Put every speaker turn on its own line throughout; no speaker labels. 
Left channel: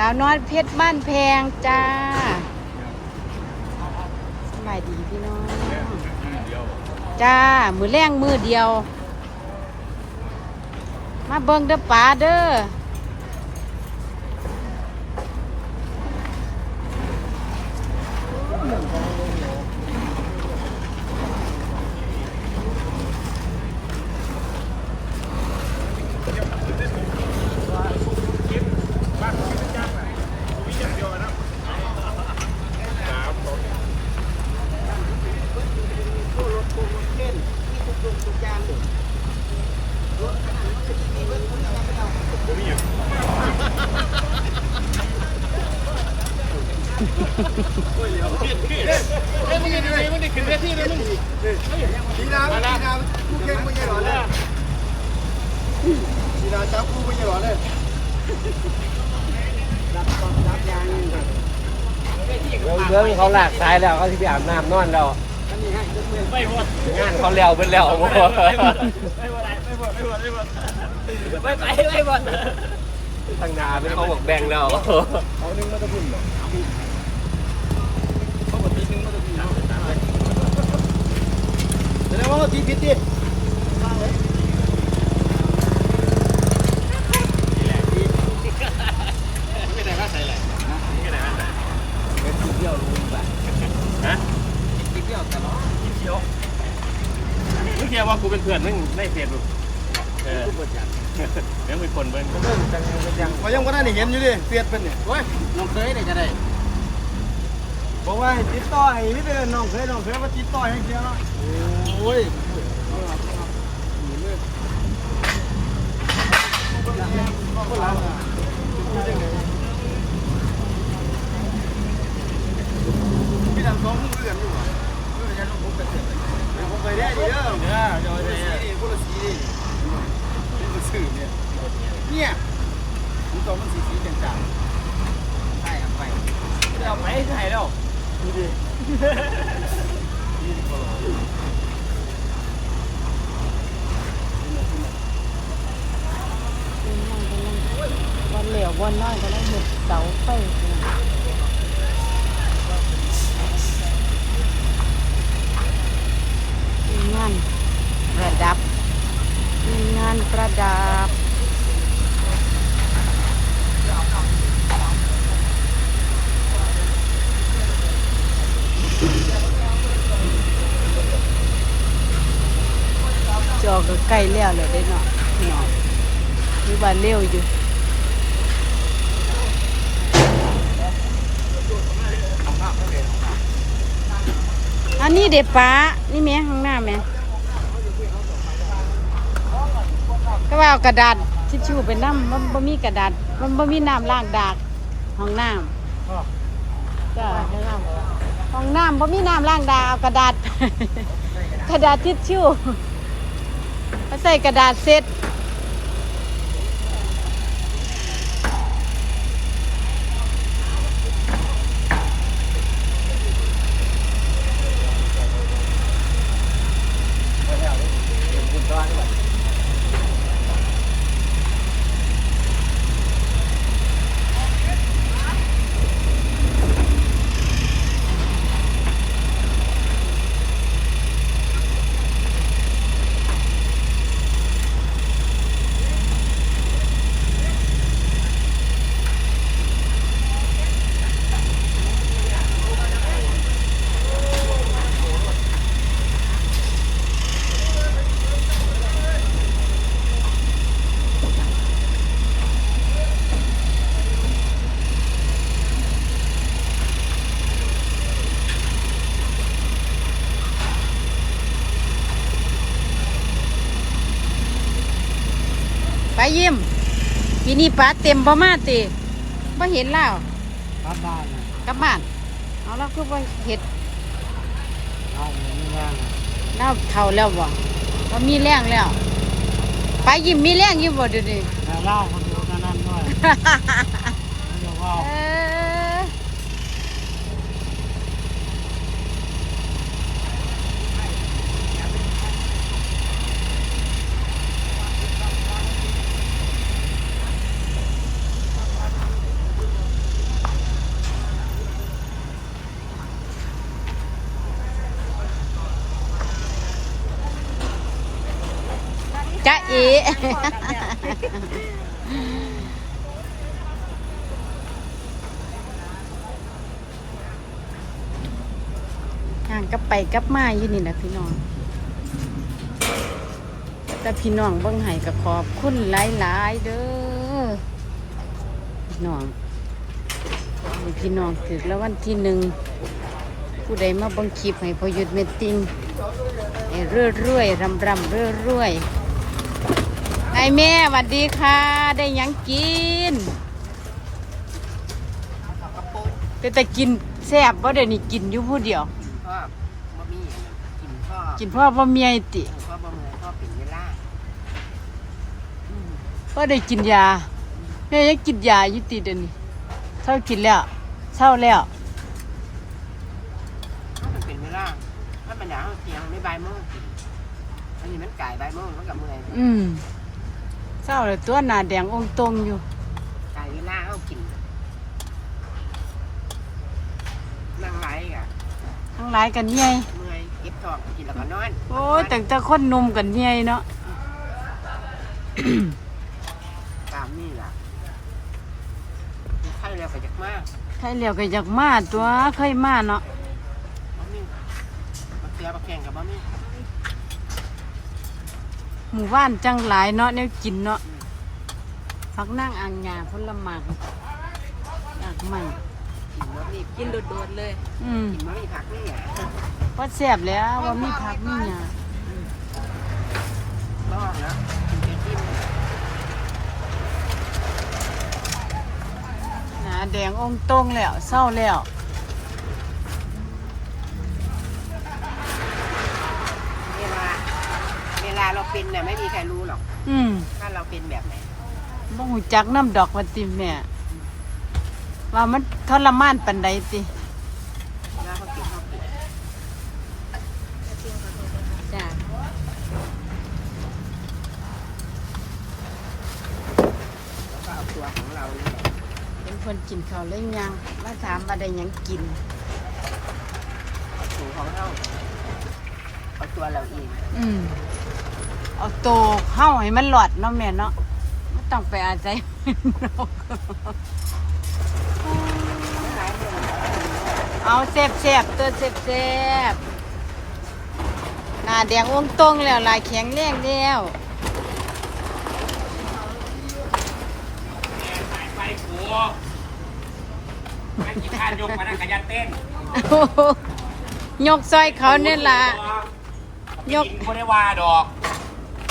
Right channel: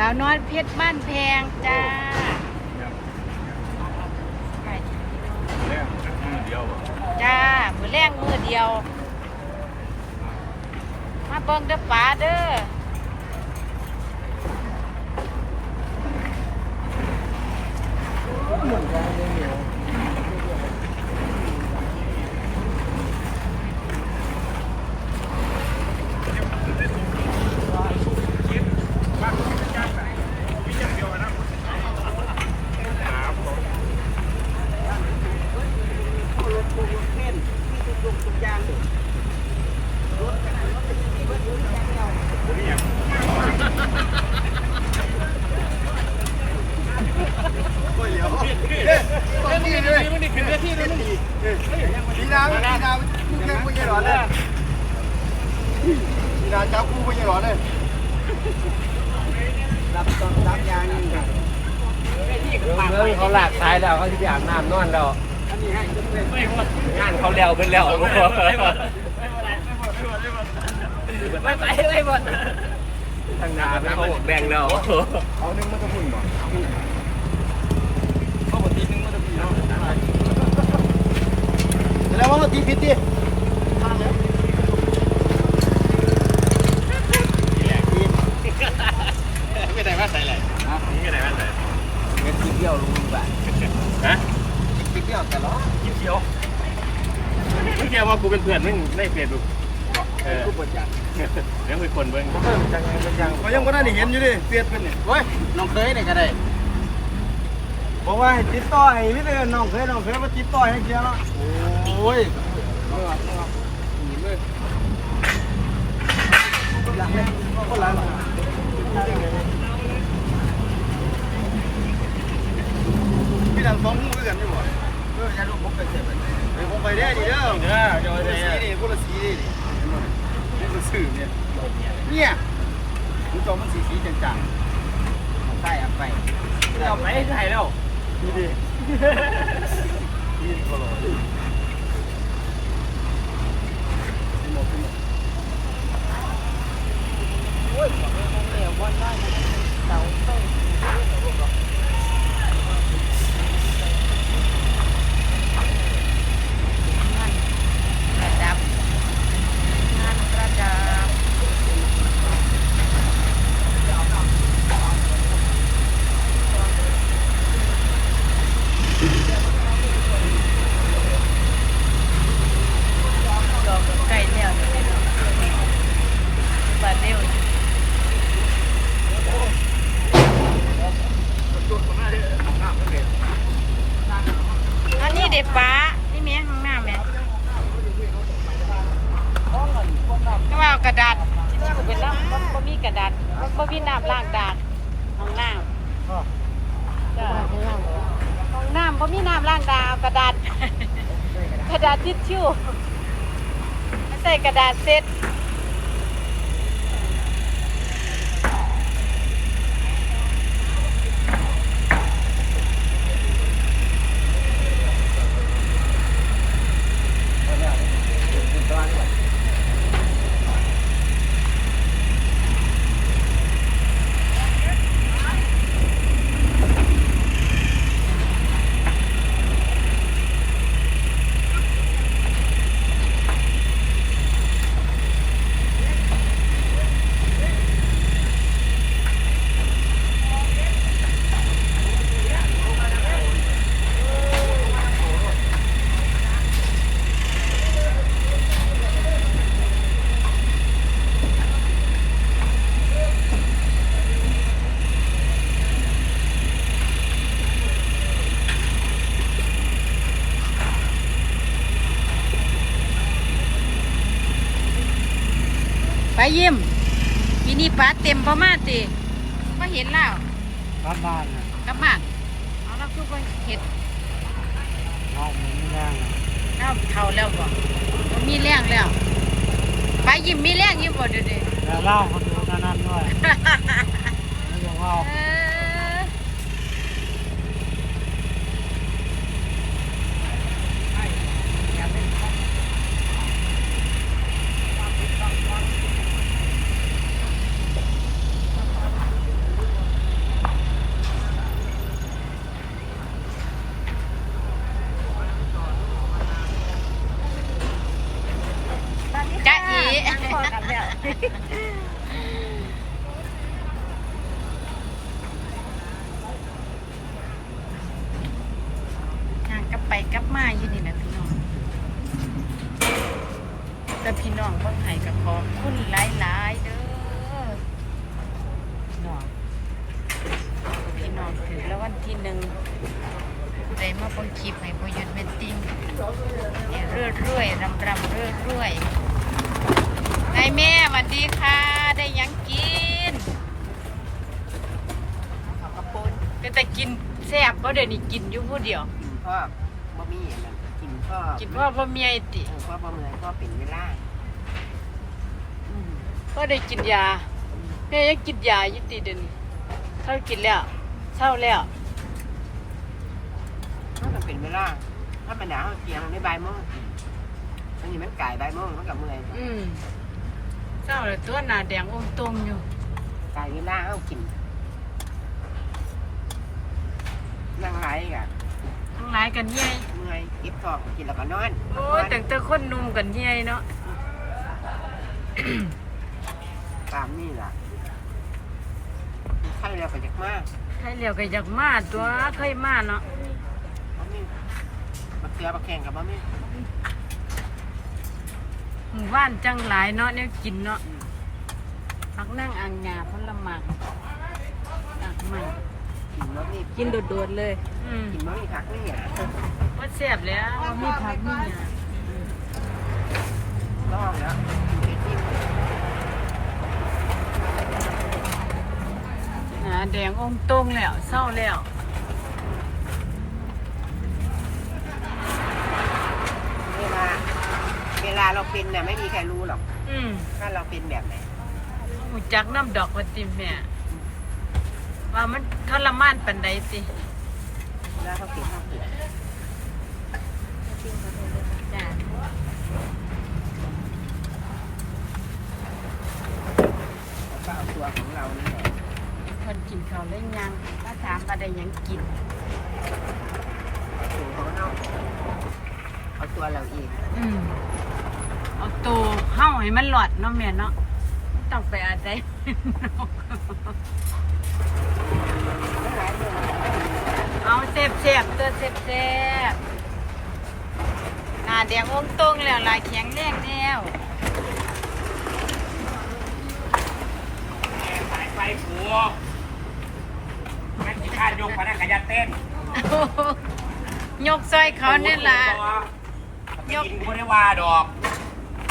สาวน้อยเพชรบ้านแพงจ้าขายดีพี่น้อง
เรื่องมือเดียว
จ้า มือแรงมือเดียว มาเบิ้งเด้อป๋าเด้อ
รถพวกรถเข็น มีทุกยงทุกอย่างรถขนาดรถก็มีเบิดรถแรงเดียว
นี่นี่มันนี่ขึ้นเวทีเลยมึง
ดีนาดีนาคู่แข่งไม่ใช่หรอเนี่ยดีนาจับคู่ไม่ใช่หรอเนี่ยรับต้นรับยางนี่
เรื่องเขาหลากตายแล้วเขาที่ไปอาบน้ำนอนเรา
อันนี้ให้จนเมื่อย
งานเขาแล้วเป็นแล้ว
ไม่หมดไม่หมด
ไม่หมดทางนาเป็นเขาบอกแดงแล้ว
เขาหนึ่งมันก็พุ่นบ่เขาบตีนึงมันจะดีเนาะแล้วว่าตีผิดดิ
ไม่ได้มาใส่อะไรไม่ได้มาใส่
เงินกินเที่ยวรู้แบบ
ฮะ
กินเที่ยวแต่ละ
กินเขียวไม่ เชื่อว่ากูเป็นเพื่อนมึงในเฟซบุ๊กเออ
ทุกประจักษ์
เดี๋ยวมีคนเบิ้ง
เออจังเป็นยังเขายังก็ได้เห็นอยู่ดิเปลี่ยนเป็น
เว้ยน้องเคยได้ก็ได้
บอกว่าให้ติดต่อให้พี่เป็นน้องเคยน้องเคยมาติดต่อให้เชียร์เนาะโอ้ยเมื่อเมื่อหนีเลยพี่ดังสองมือกันอยู่บ่เออยันผมเป็นเสร็จเฮ้ยผมไปได้ดีเด้อ
เด้อเดี๋ยว
คน
เดี๋
ละ
ยว
สีนี่คนละสีนี่นี่มันสื่อเนี่ยเนี่ยคุณ จอมันสีสีจางๆใต้เอาไป
เอาไปใส่แล้ว
ดูดินี่ก็ลอย
มีงานประดับมีงานประดับ จอก็ใกล้แล้วเลยเด้อเนาะเนาะมีบ้านเลี้ยวอยู่อันนี้ เด็ป้า นี่แม่ข้างหน้าแม่ก็ว่าเอากระดาษทิชชู่เป็นน้ำมันบ่มีกระดาษมันบ่มีน้ำล้างดากห้องน้ำห้องน้ำบ่มีน้ำล้างดากเอากระดาษ กระดาษทิชชู่ใส่กระดาษเซ็ต ยิ้มปีนี้ปลาเต็มประมาณตีก็เห็นแล้ว
กลับบ้านนะ
กลับบ้านเอาแล้วคือว่าเห็ด
เอาหมูนี่แรง
เล่าเท่าแล้วบ่ว่ามีแรงแล้วไปยิ้มมีแรงอยิ้มบ่เดูดิ
แล้วเล่าเขาดูนั่นด้วยแล้วบอกว่า
เออ ห่างกับไปกับมาอยู่นี่นะพี่น้องแต่พี่น้องเบิ่งให้ก็ขอบคุณหลายๆเด้อพี่น้องพี่น้องถึกแล้ววันที่หนึ่งผู้ใดมาบังคลิปให้พอยุดเมตติงให้เรื่อยเรื่อยๆรำรำเรื่อยเรื่อยๆ ไอแม่สวัสดีค่ะ ได้หยังกิน
เขากระปุน
แต่แต่กินแซ่บเพราะเดี๋ยวนี้กินอยู่ผู้เดียว
กินพ่อบะหมี่อันนั้นกินพ่อ
กินเพราะว่าเมียติ
เออพ่อบะเมื่อยพ่อเป็นเวลา
เพราะได้กินยาแม่ยังกินยาอยู่ติเดี๋ยวนี้เช้ากินแล้วเช้าแล้ว
มันก็เป็นเวลาถ้าเป็นหนาวเตียงไม่ใบายโมงกินอันนี้มันไก่ใบายโมงมันกับเมื่อย
อืม เช้าเลยตัวหน้าแดงองค์ตรงอยู่
ไก่เวลาเอากินนั่งไหลกะ
ทั้งหลายกันเย่ย
เมื่อยเก็บท้องกินแล้วก็นอน
โอ้ยแต่งแต่คนหนุ่มกันเย่ยเนาะ
ตามนี่ล่ะไข้แล้วก็อยากมาก
ใช่แล้วก็อยากมาตัวเคยมาเนาะ
บะหมี่บักเกลือบักแข่งกับบะหมี่
หมู่บ้านจังหลายเนาะเนี่ยกินเนาะพักนั่งอ่างงาพลหมากอักใหม่
กินบะหมี่
กินโดดๆเลยอืม
กินบะหมี่ผักนี่อะ
ว่าแซ่บแล้วว่ามีผักมีหยา
บ้องแล้วกินเจจิ้มเลย
หนาแดงองค์ตรงแล้วเศร้าแล้ว
เวลา เวลาเราเป็นเนี่ยไม่มีใครรู้หรอก
อืม
ว่าเราเป็นแบบไหน
บ่หูจักน้ำดอกมาติมแม่ว่ามันทรมานปันใดติ
แล้วเขาเก็บข้าวเปลือก
จ้า
แล้วก็เอาตัวของเรานี่แหละ
เป็นคนกินข้าวได้ยังมาถามว่าได้หยังกิน
เอาตัวของเราเอาตัวเราเอง
อืมเอา โตเข้าให้มันหลอดเนาะแม่เนาะไม่ต้องไปอาศัย
ไม่หลายเรื่องเรากินด้วย
เอาแซ่บแซ่บๆตัวแซ่บแซ่บหน้าแดงองค์ตรงแล้วลายแข็งแรงแล้ว
สายไฟผัวงั้นกี่ข้านยกมานั่งขยันเต้น
ยกซอยเขาเนี่ยล่ะย
ย
ก
กไม่ได้ว่าดอก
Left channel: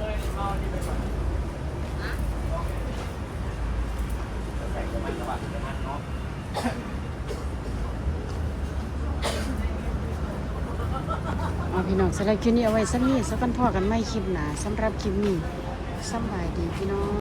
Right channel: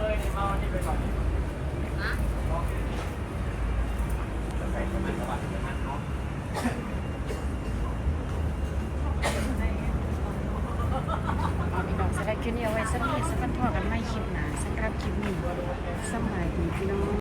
อาพี่น้องสำหรับคลิปนี้เอาไว้สักนี้สักพันพ่อกันไม่คลิปหนาสำหรับคลิปนี้สำบายดีพี่น้อง